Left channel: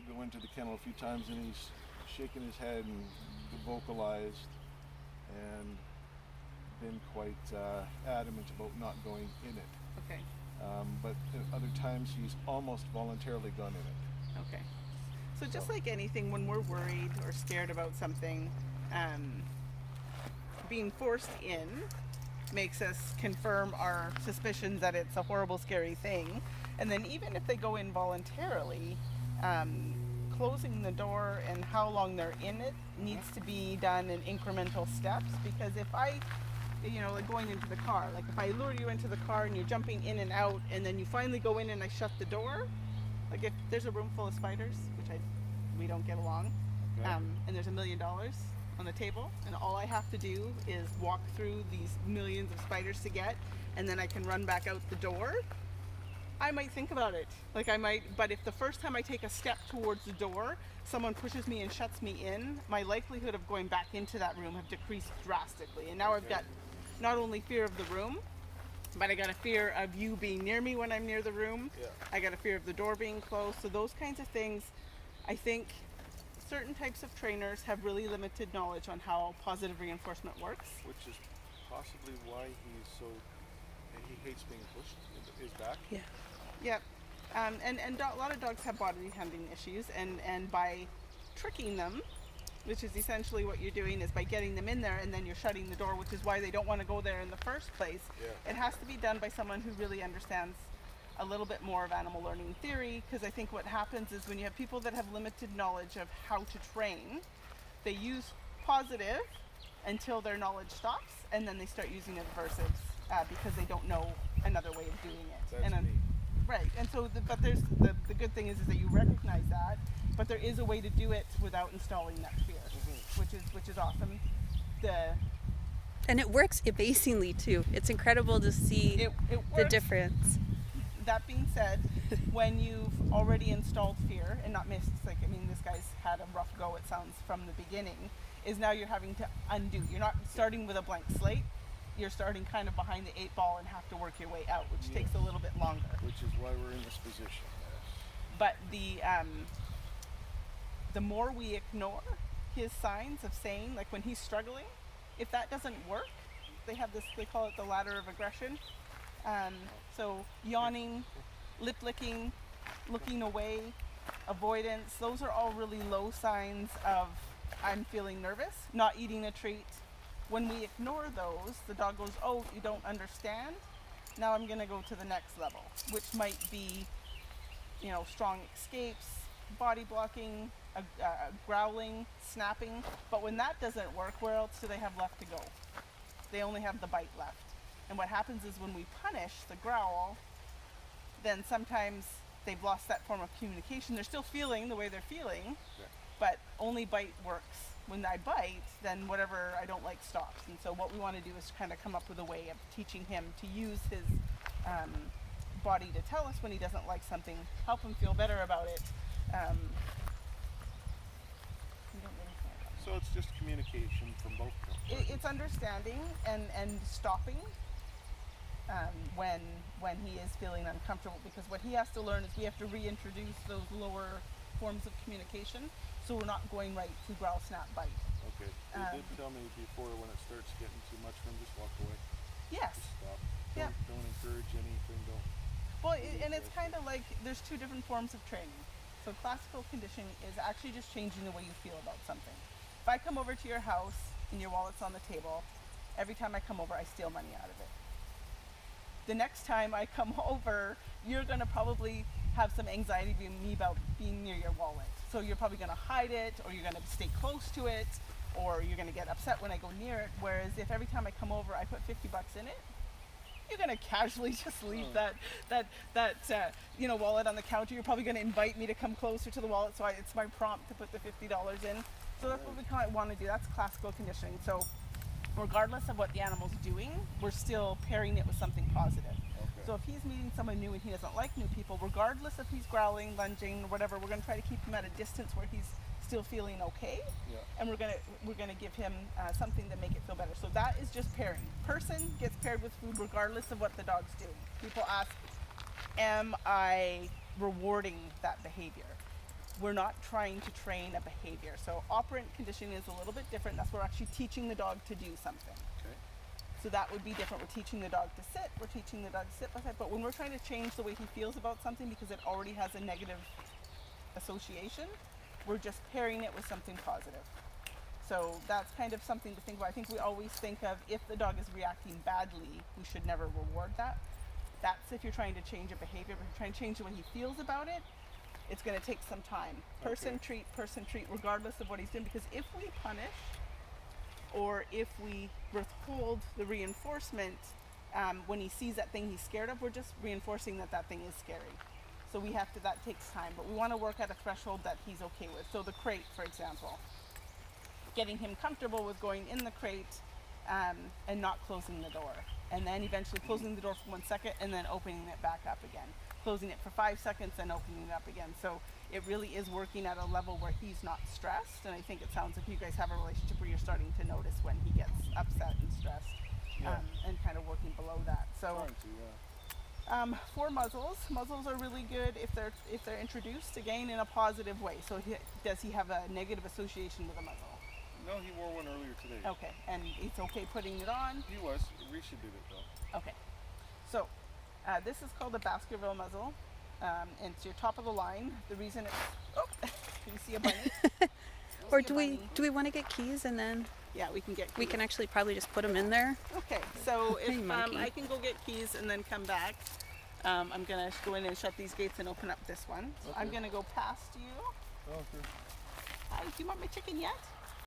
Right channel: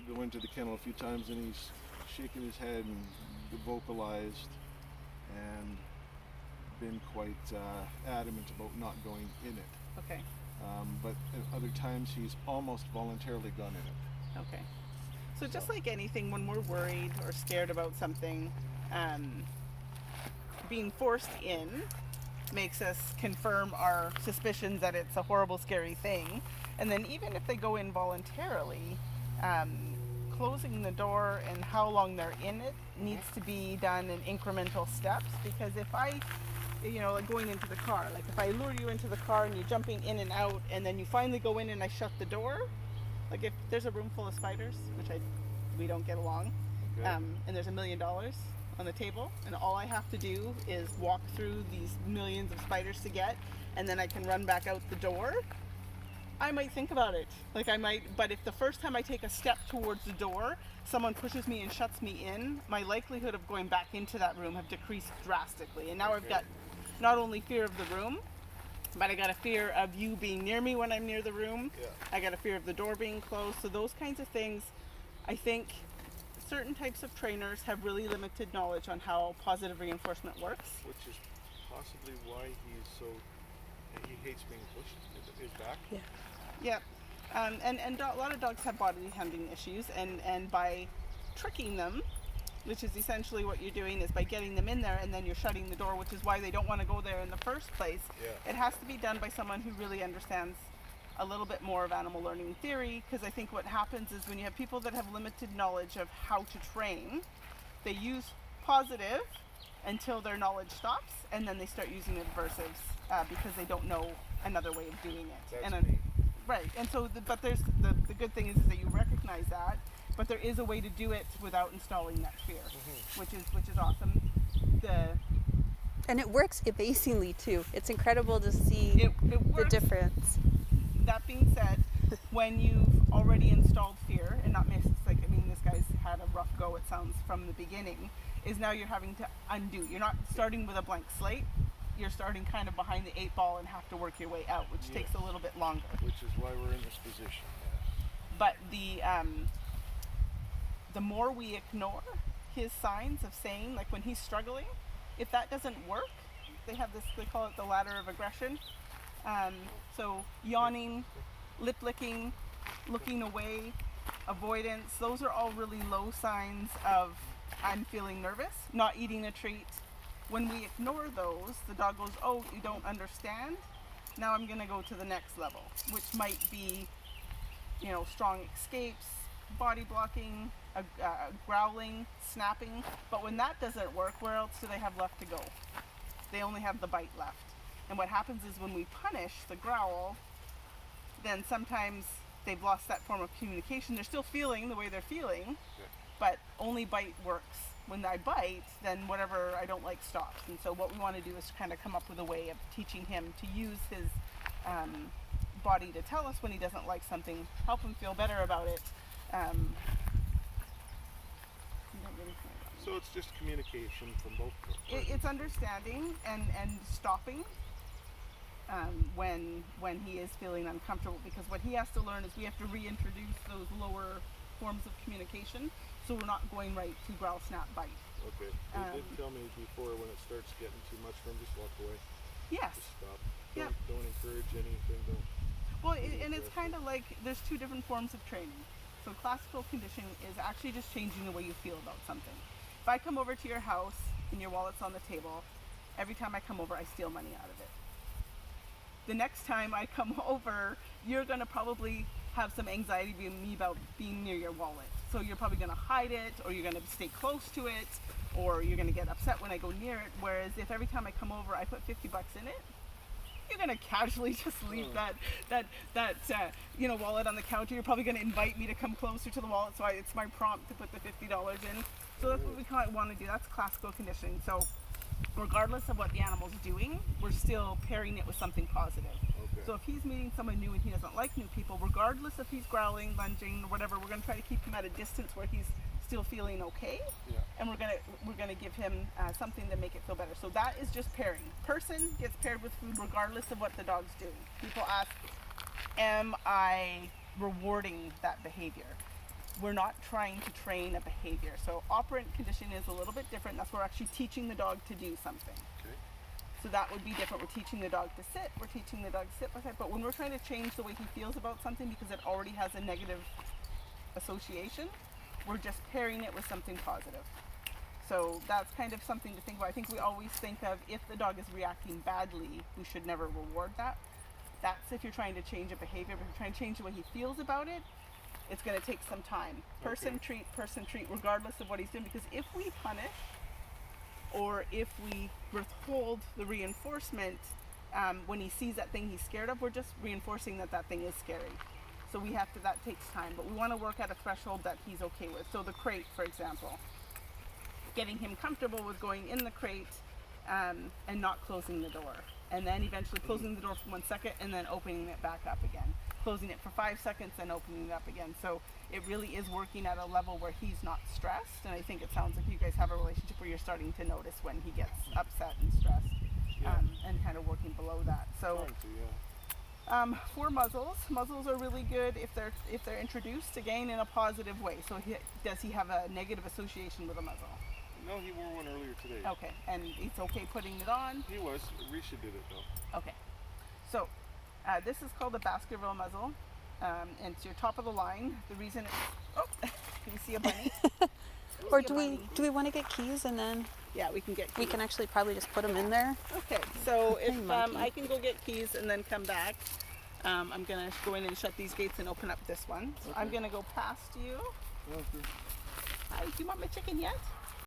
to go into the kennel a few times, and he's shaking his head and vocalized and been quite adamant about not going in it. Okay. But at other times he's almost voluntarily gone in it. Okay. So just like anything, when we're worried or scared about something, being forced in makes us confirm our suspicions that it's a horrible, scary thing. And then even if they go in voluntarily, closing the door and how long they're in it needs to be done in incremental steps. Because if I, like going into the car, like if I lure you into the car and you're jumping in and out, and then you finally go in and I shut the door, like if there's a room full of spiders, which we don't get along, and there's $1 million on the table, and all I have to do is walk through these millions of spiders to get, and then I can run back out the door, I might think about it. But if the first time I take a step towards the door, someone pushes me and shuts me in, my likelihood of going back into that room have decreased drastically. And now I've got not only fear of the room, but I got a fear of you being near me when I'm near the room. Yeah. I got a fear of the door being closed. So those kinds of things, I think certain types of trainers have really limited knowledge on how positive reinforcement works. Which is possibly why he hates being pushed. His back. Yeah. Yeah. And a lot of dogs have body handling issues, and by tricking them, which is essentially what you're doing, is by getting them in there and then you're shutting the door, which is why they don't want to go there in the first place. Yeah. It has to be done by someone who really understands a little bit more of animal learning theory, because I think what happens is when you have people that have limited knowledge of how to train, they use positive until their knowledge stops, and then they start using aversives because they don't know another way of doing it. That's me. Right, and so, but there's the good thing is that you recognize that, but there is a way to do it without installing that fear, which is awesome. And it works amazingly too. It's incredible to see it the works. difference. That being said, when you've already installed fear and not missed, this guy's had a rough go, it sounds, from the beginning, is now you're having to undo. You're not starting with a blank slate. You're starting kind of behind the 8 ball and have to work your way out, which takes a little bit longer. Which is why we're in this position. But the more we ignore his signs of saying, like when he's struggling, if that doesn't work, they call it the ladder of aggression. So yawning, lip licking, looking away, avoidance, those are all really low signs of I'm feeling nervous, not eating a treat. When we ignore those, the dog goes, oh, you don't understand? Now I'm going to go to the next level, which might be, strong escapes, body blocking, growling, snapping. But when that doesn't work, where else do they have left to go? They only have the bite left. And what happens is when we punish the growl, then sometimes they've lost that form of communication. They're still feeling the way they're feeling, but only bite works. When I bite, then whatever I don't like stops. And so what we want to do is kind of come up with a way of teaching him to use his body to tell us when he doesn't like something, help him feel better about it. So it's just communication from both of them. It's understanding and stopping when he is feeling uncomfortable, because what he has to learn is we have to reintroduce those lower forms of communication, so we're not going right to growl, snap, bite. Okay. You did tell me before, when it starts getting too much, then just walk away. Yes. Just stop. Yeah. Don't encourage anything. Well, and it's kind of like there's two different forms of training. So classical conditioning is actually just changing the way you feel about something. If I come over to your house and your wallet's on the table, every time I come over, I steal money out of it. The next time I come over, you're going to probably have some anxiety about being near your wallet. So you're probably going to hide it, or you're going to stay close to it, or you're going to get upset when I go near it. Whereas if every time I come over, I put $50 in it, you're going to casually just leave that wallet on the counter. You're probably going to invite me to come closer to the wallet, so it's my prompt to put the $50 in. So that's what we kind of want to do. That's classical conditioning. So regardless of what the animal's doing, we're still pairing it with something positive. Okay. So if he's meeting someone new and he doesn't like new people, regardless if he's growling, lunging, or whatever, we're going to try to keep him at a distance where he's still feeling okay. Yeah. And we're gonna give him something to make it feel better. So that is just pairing. Person gets paired with food regardless of what the dog's doing. People ask, am I rewarding that behavior? we're not trying to train a behavior. So operant conditioning is a little bit different. That's where we're actually teaching the dog to do something. Okay. So that would be different. We're teaching the dog to sit. We're teaching the dog to sit beside. But when we're trying to change the way he feels about something because it already has a negative association, we're just pairing it with something positive. So that's kind of something to think about. I think we always think of if the dog is reacting badly, we should never reward that. That's if you're trying to change a behavior. But if you're trying to change the way he feels about it, it's going to take some time. Person treat, regardless of what he's doing. Because if we punish or if we withhold the reinforcement when he sees that thing he's scared of, we're just reinforcing that that thing is scary. So we have to, that takes time. But we want to work at a threshold that he's okay with. So the crate, for example. Getting him comfortable with going in the crate and not closing the door. And then eventually closing the door for 1 second and then opening it back up again. Closing it for 5 seconds, then opening it up again. So it really is working at a level where he's not stressed. And I think it sounds like you guys have a relationship where you're starting to notice when he gets upset and stressed, and kind of working below that. So for muzzles are really good if they're introduced again in a positive way. So does he have a negative association with a muzzle? No, he wore one earlier today. Okay, and it's okay putting it on? He was. Risha did it though. Okay, so this is called a Baskerville muzzle, and it's your top of the line. The reason it's, oh, can you see a bunny? Or do we want to get keys and then Yeah, we can get keys. we can actually probably just put them in there? Okay, so if monkey. I can go get keys and then come back, I'm gonna go in and shut these gates and open up this one. So I'm gonna go past you. Okay. Hi, do you want my chicken yet?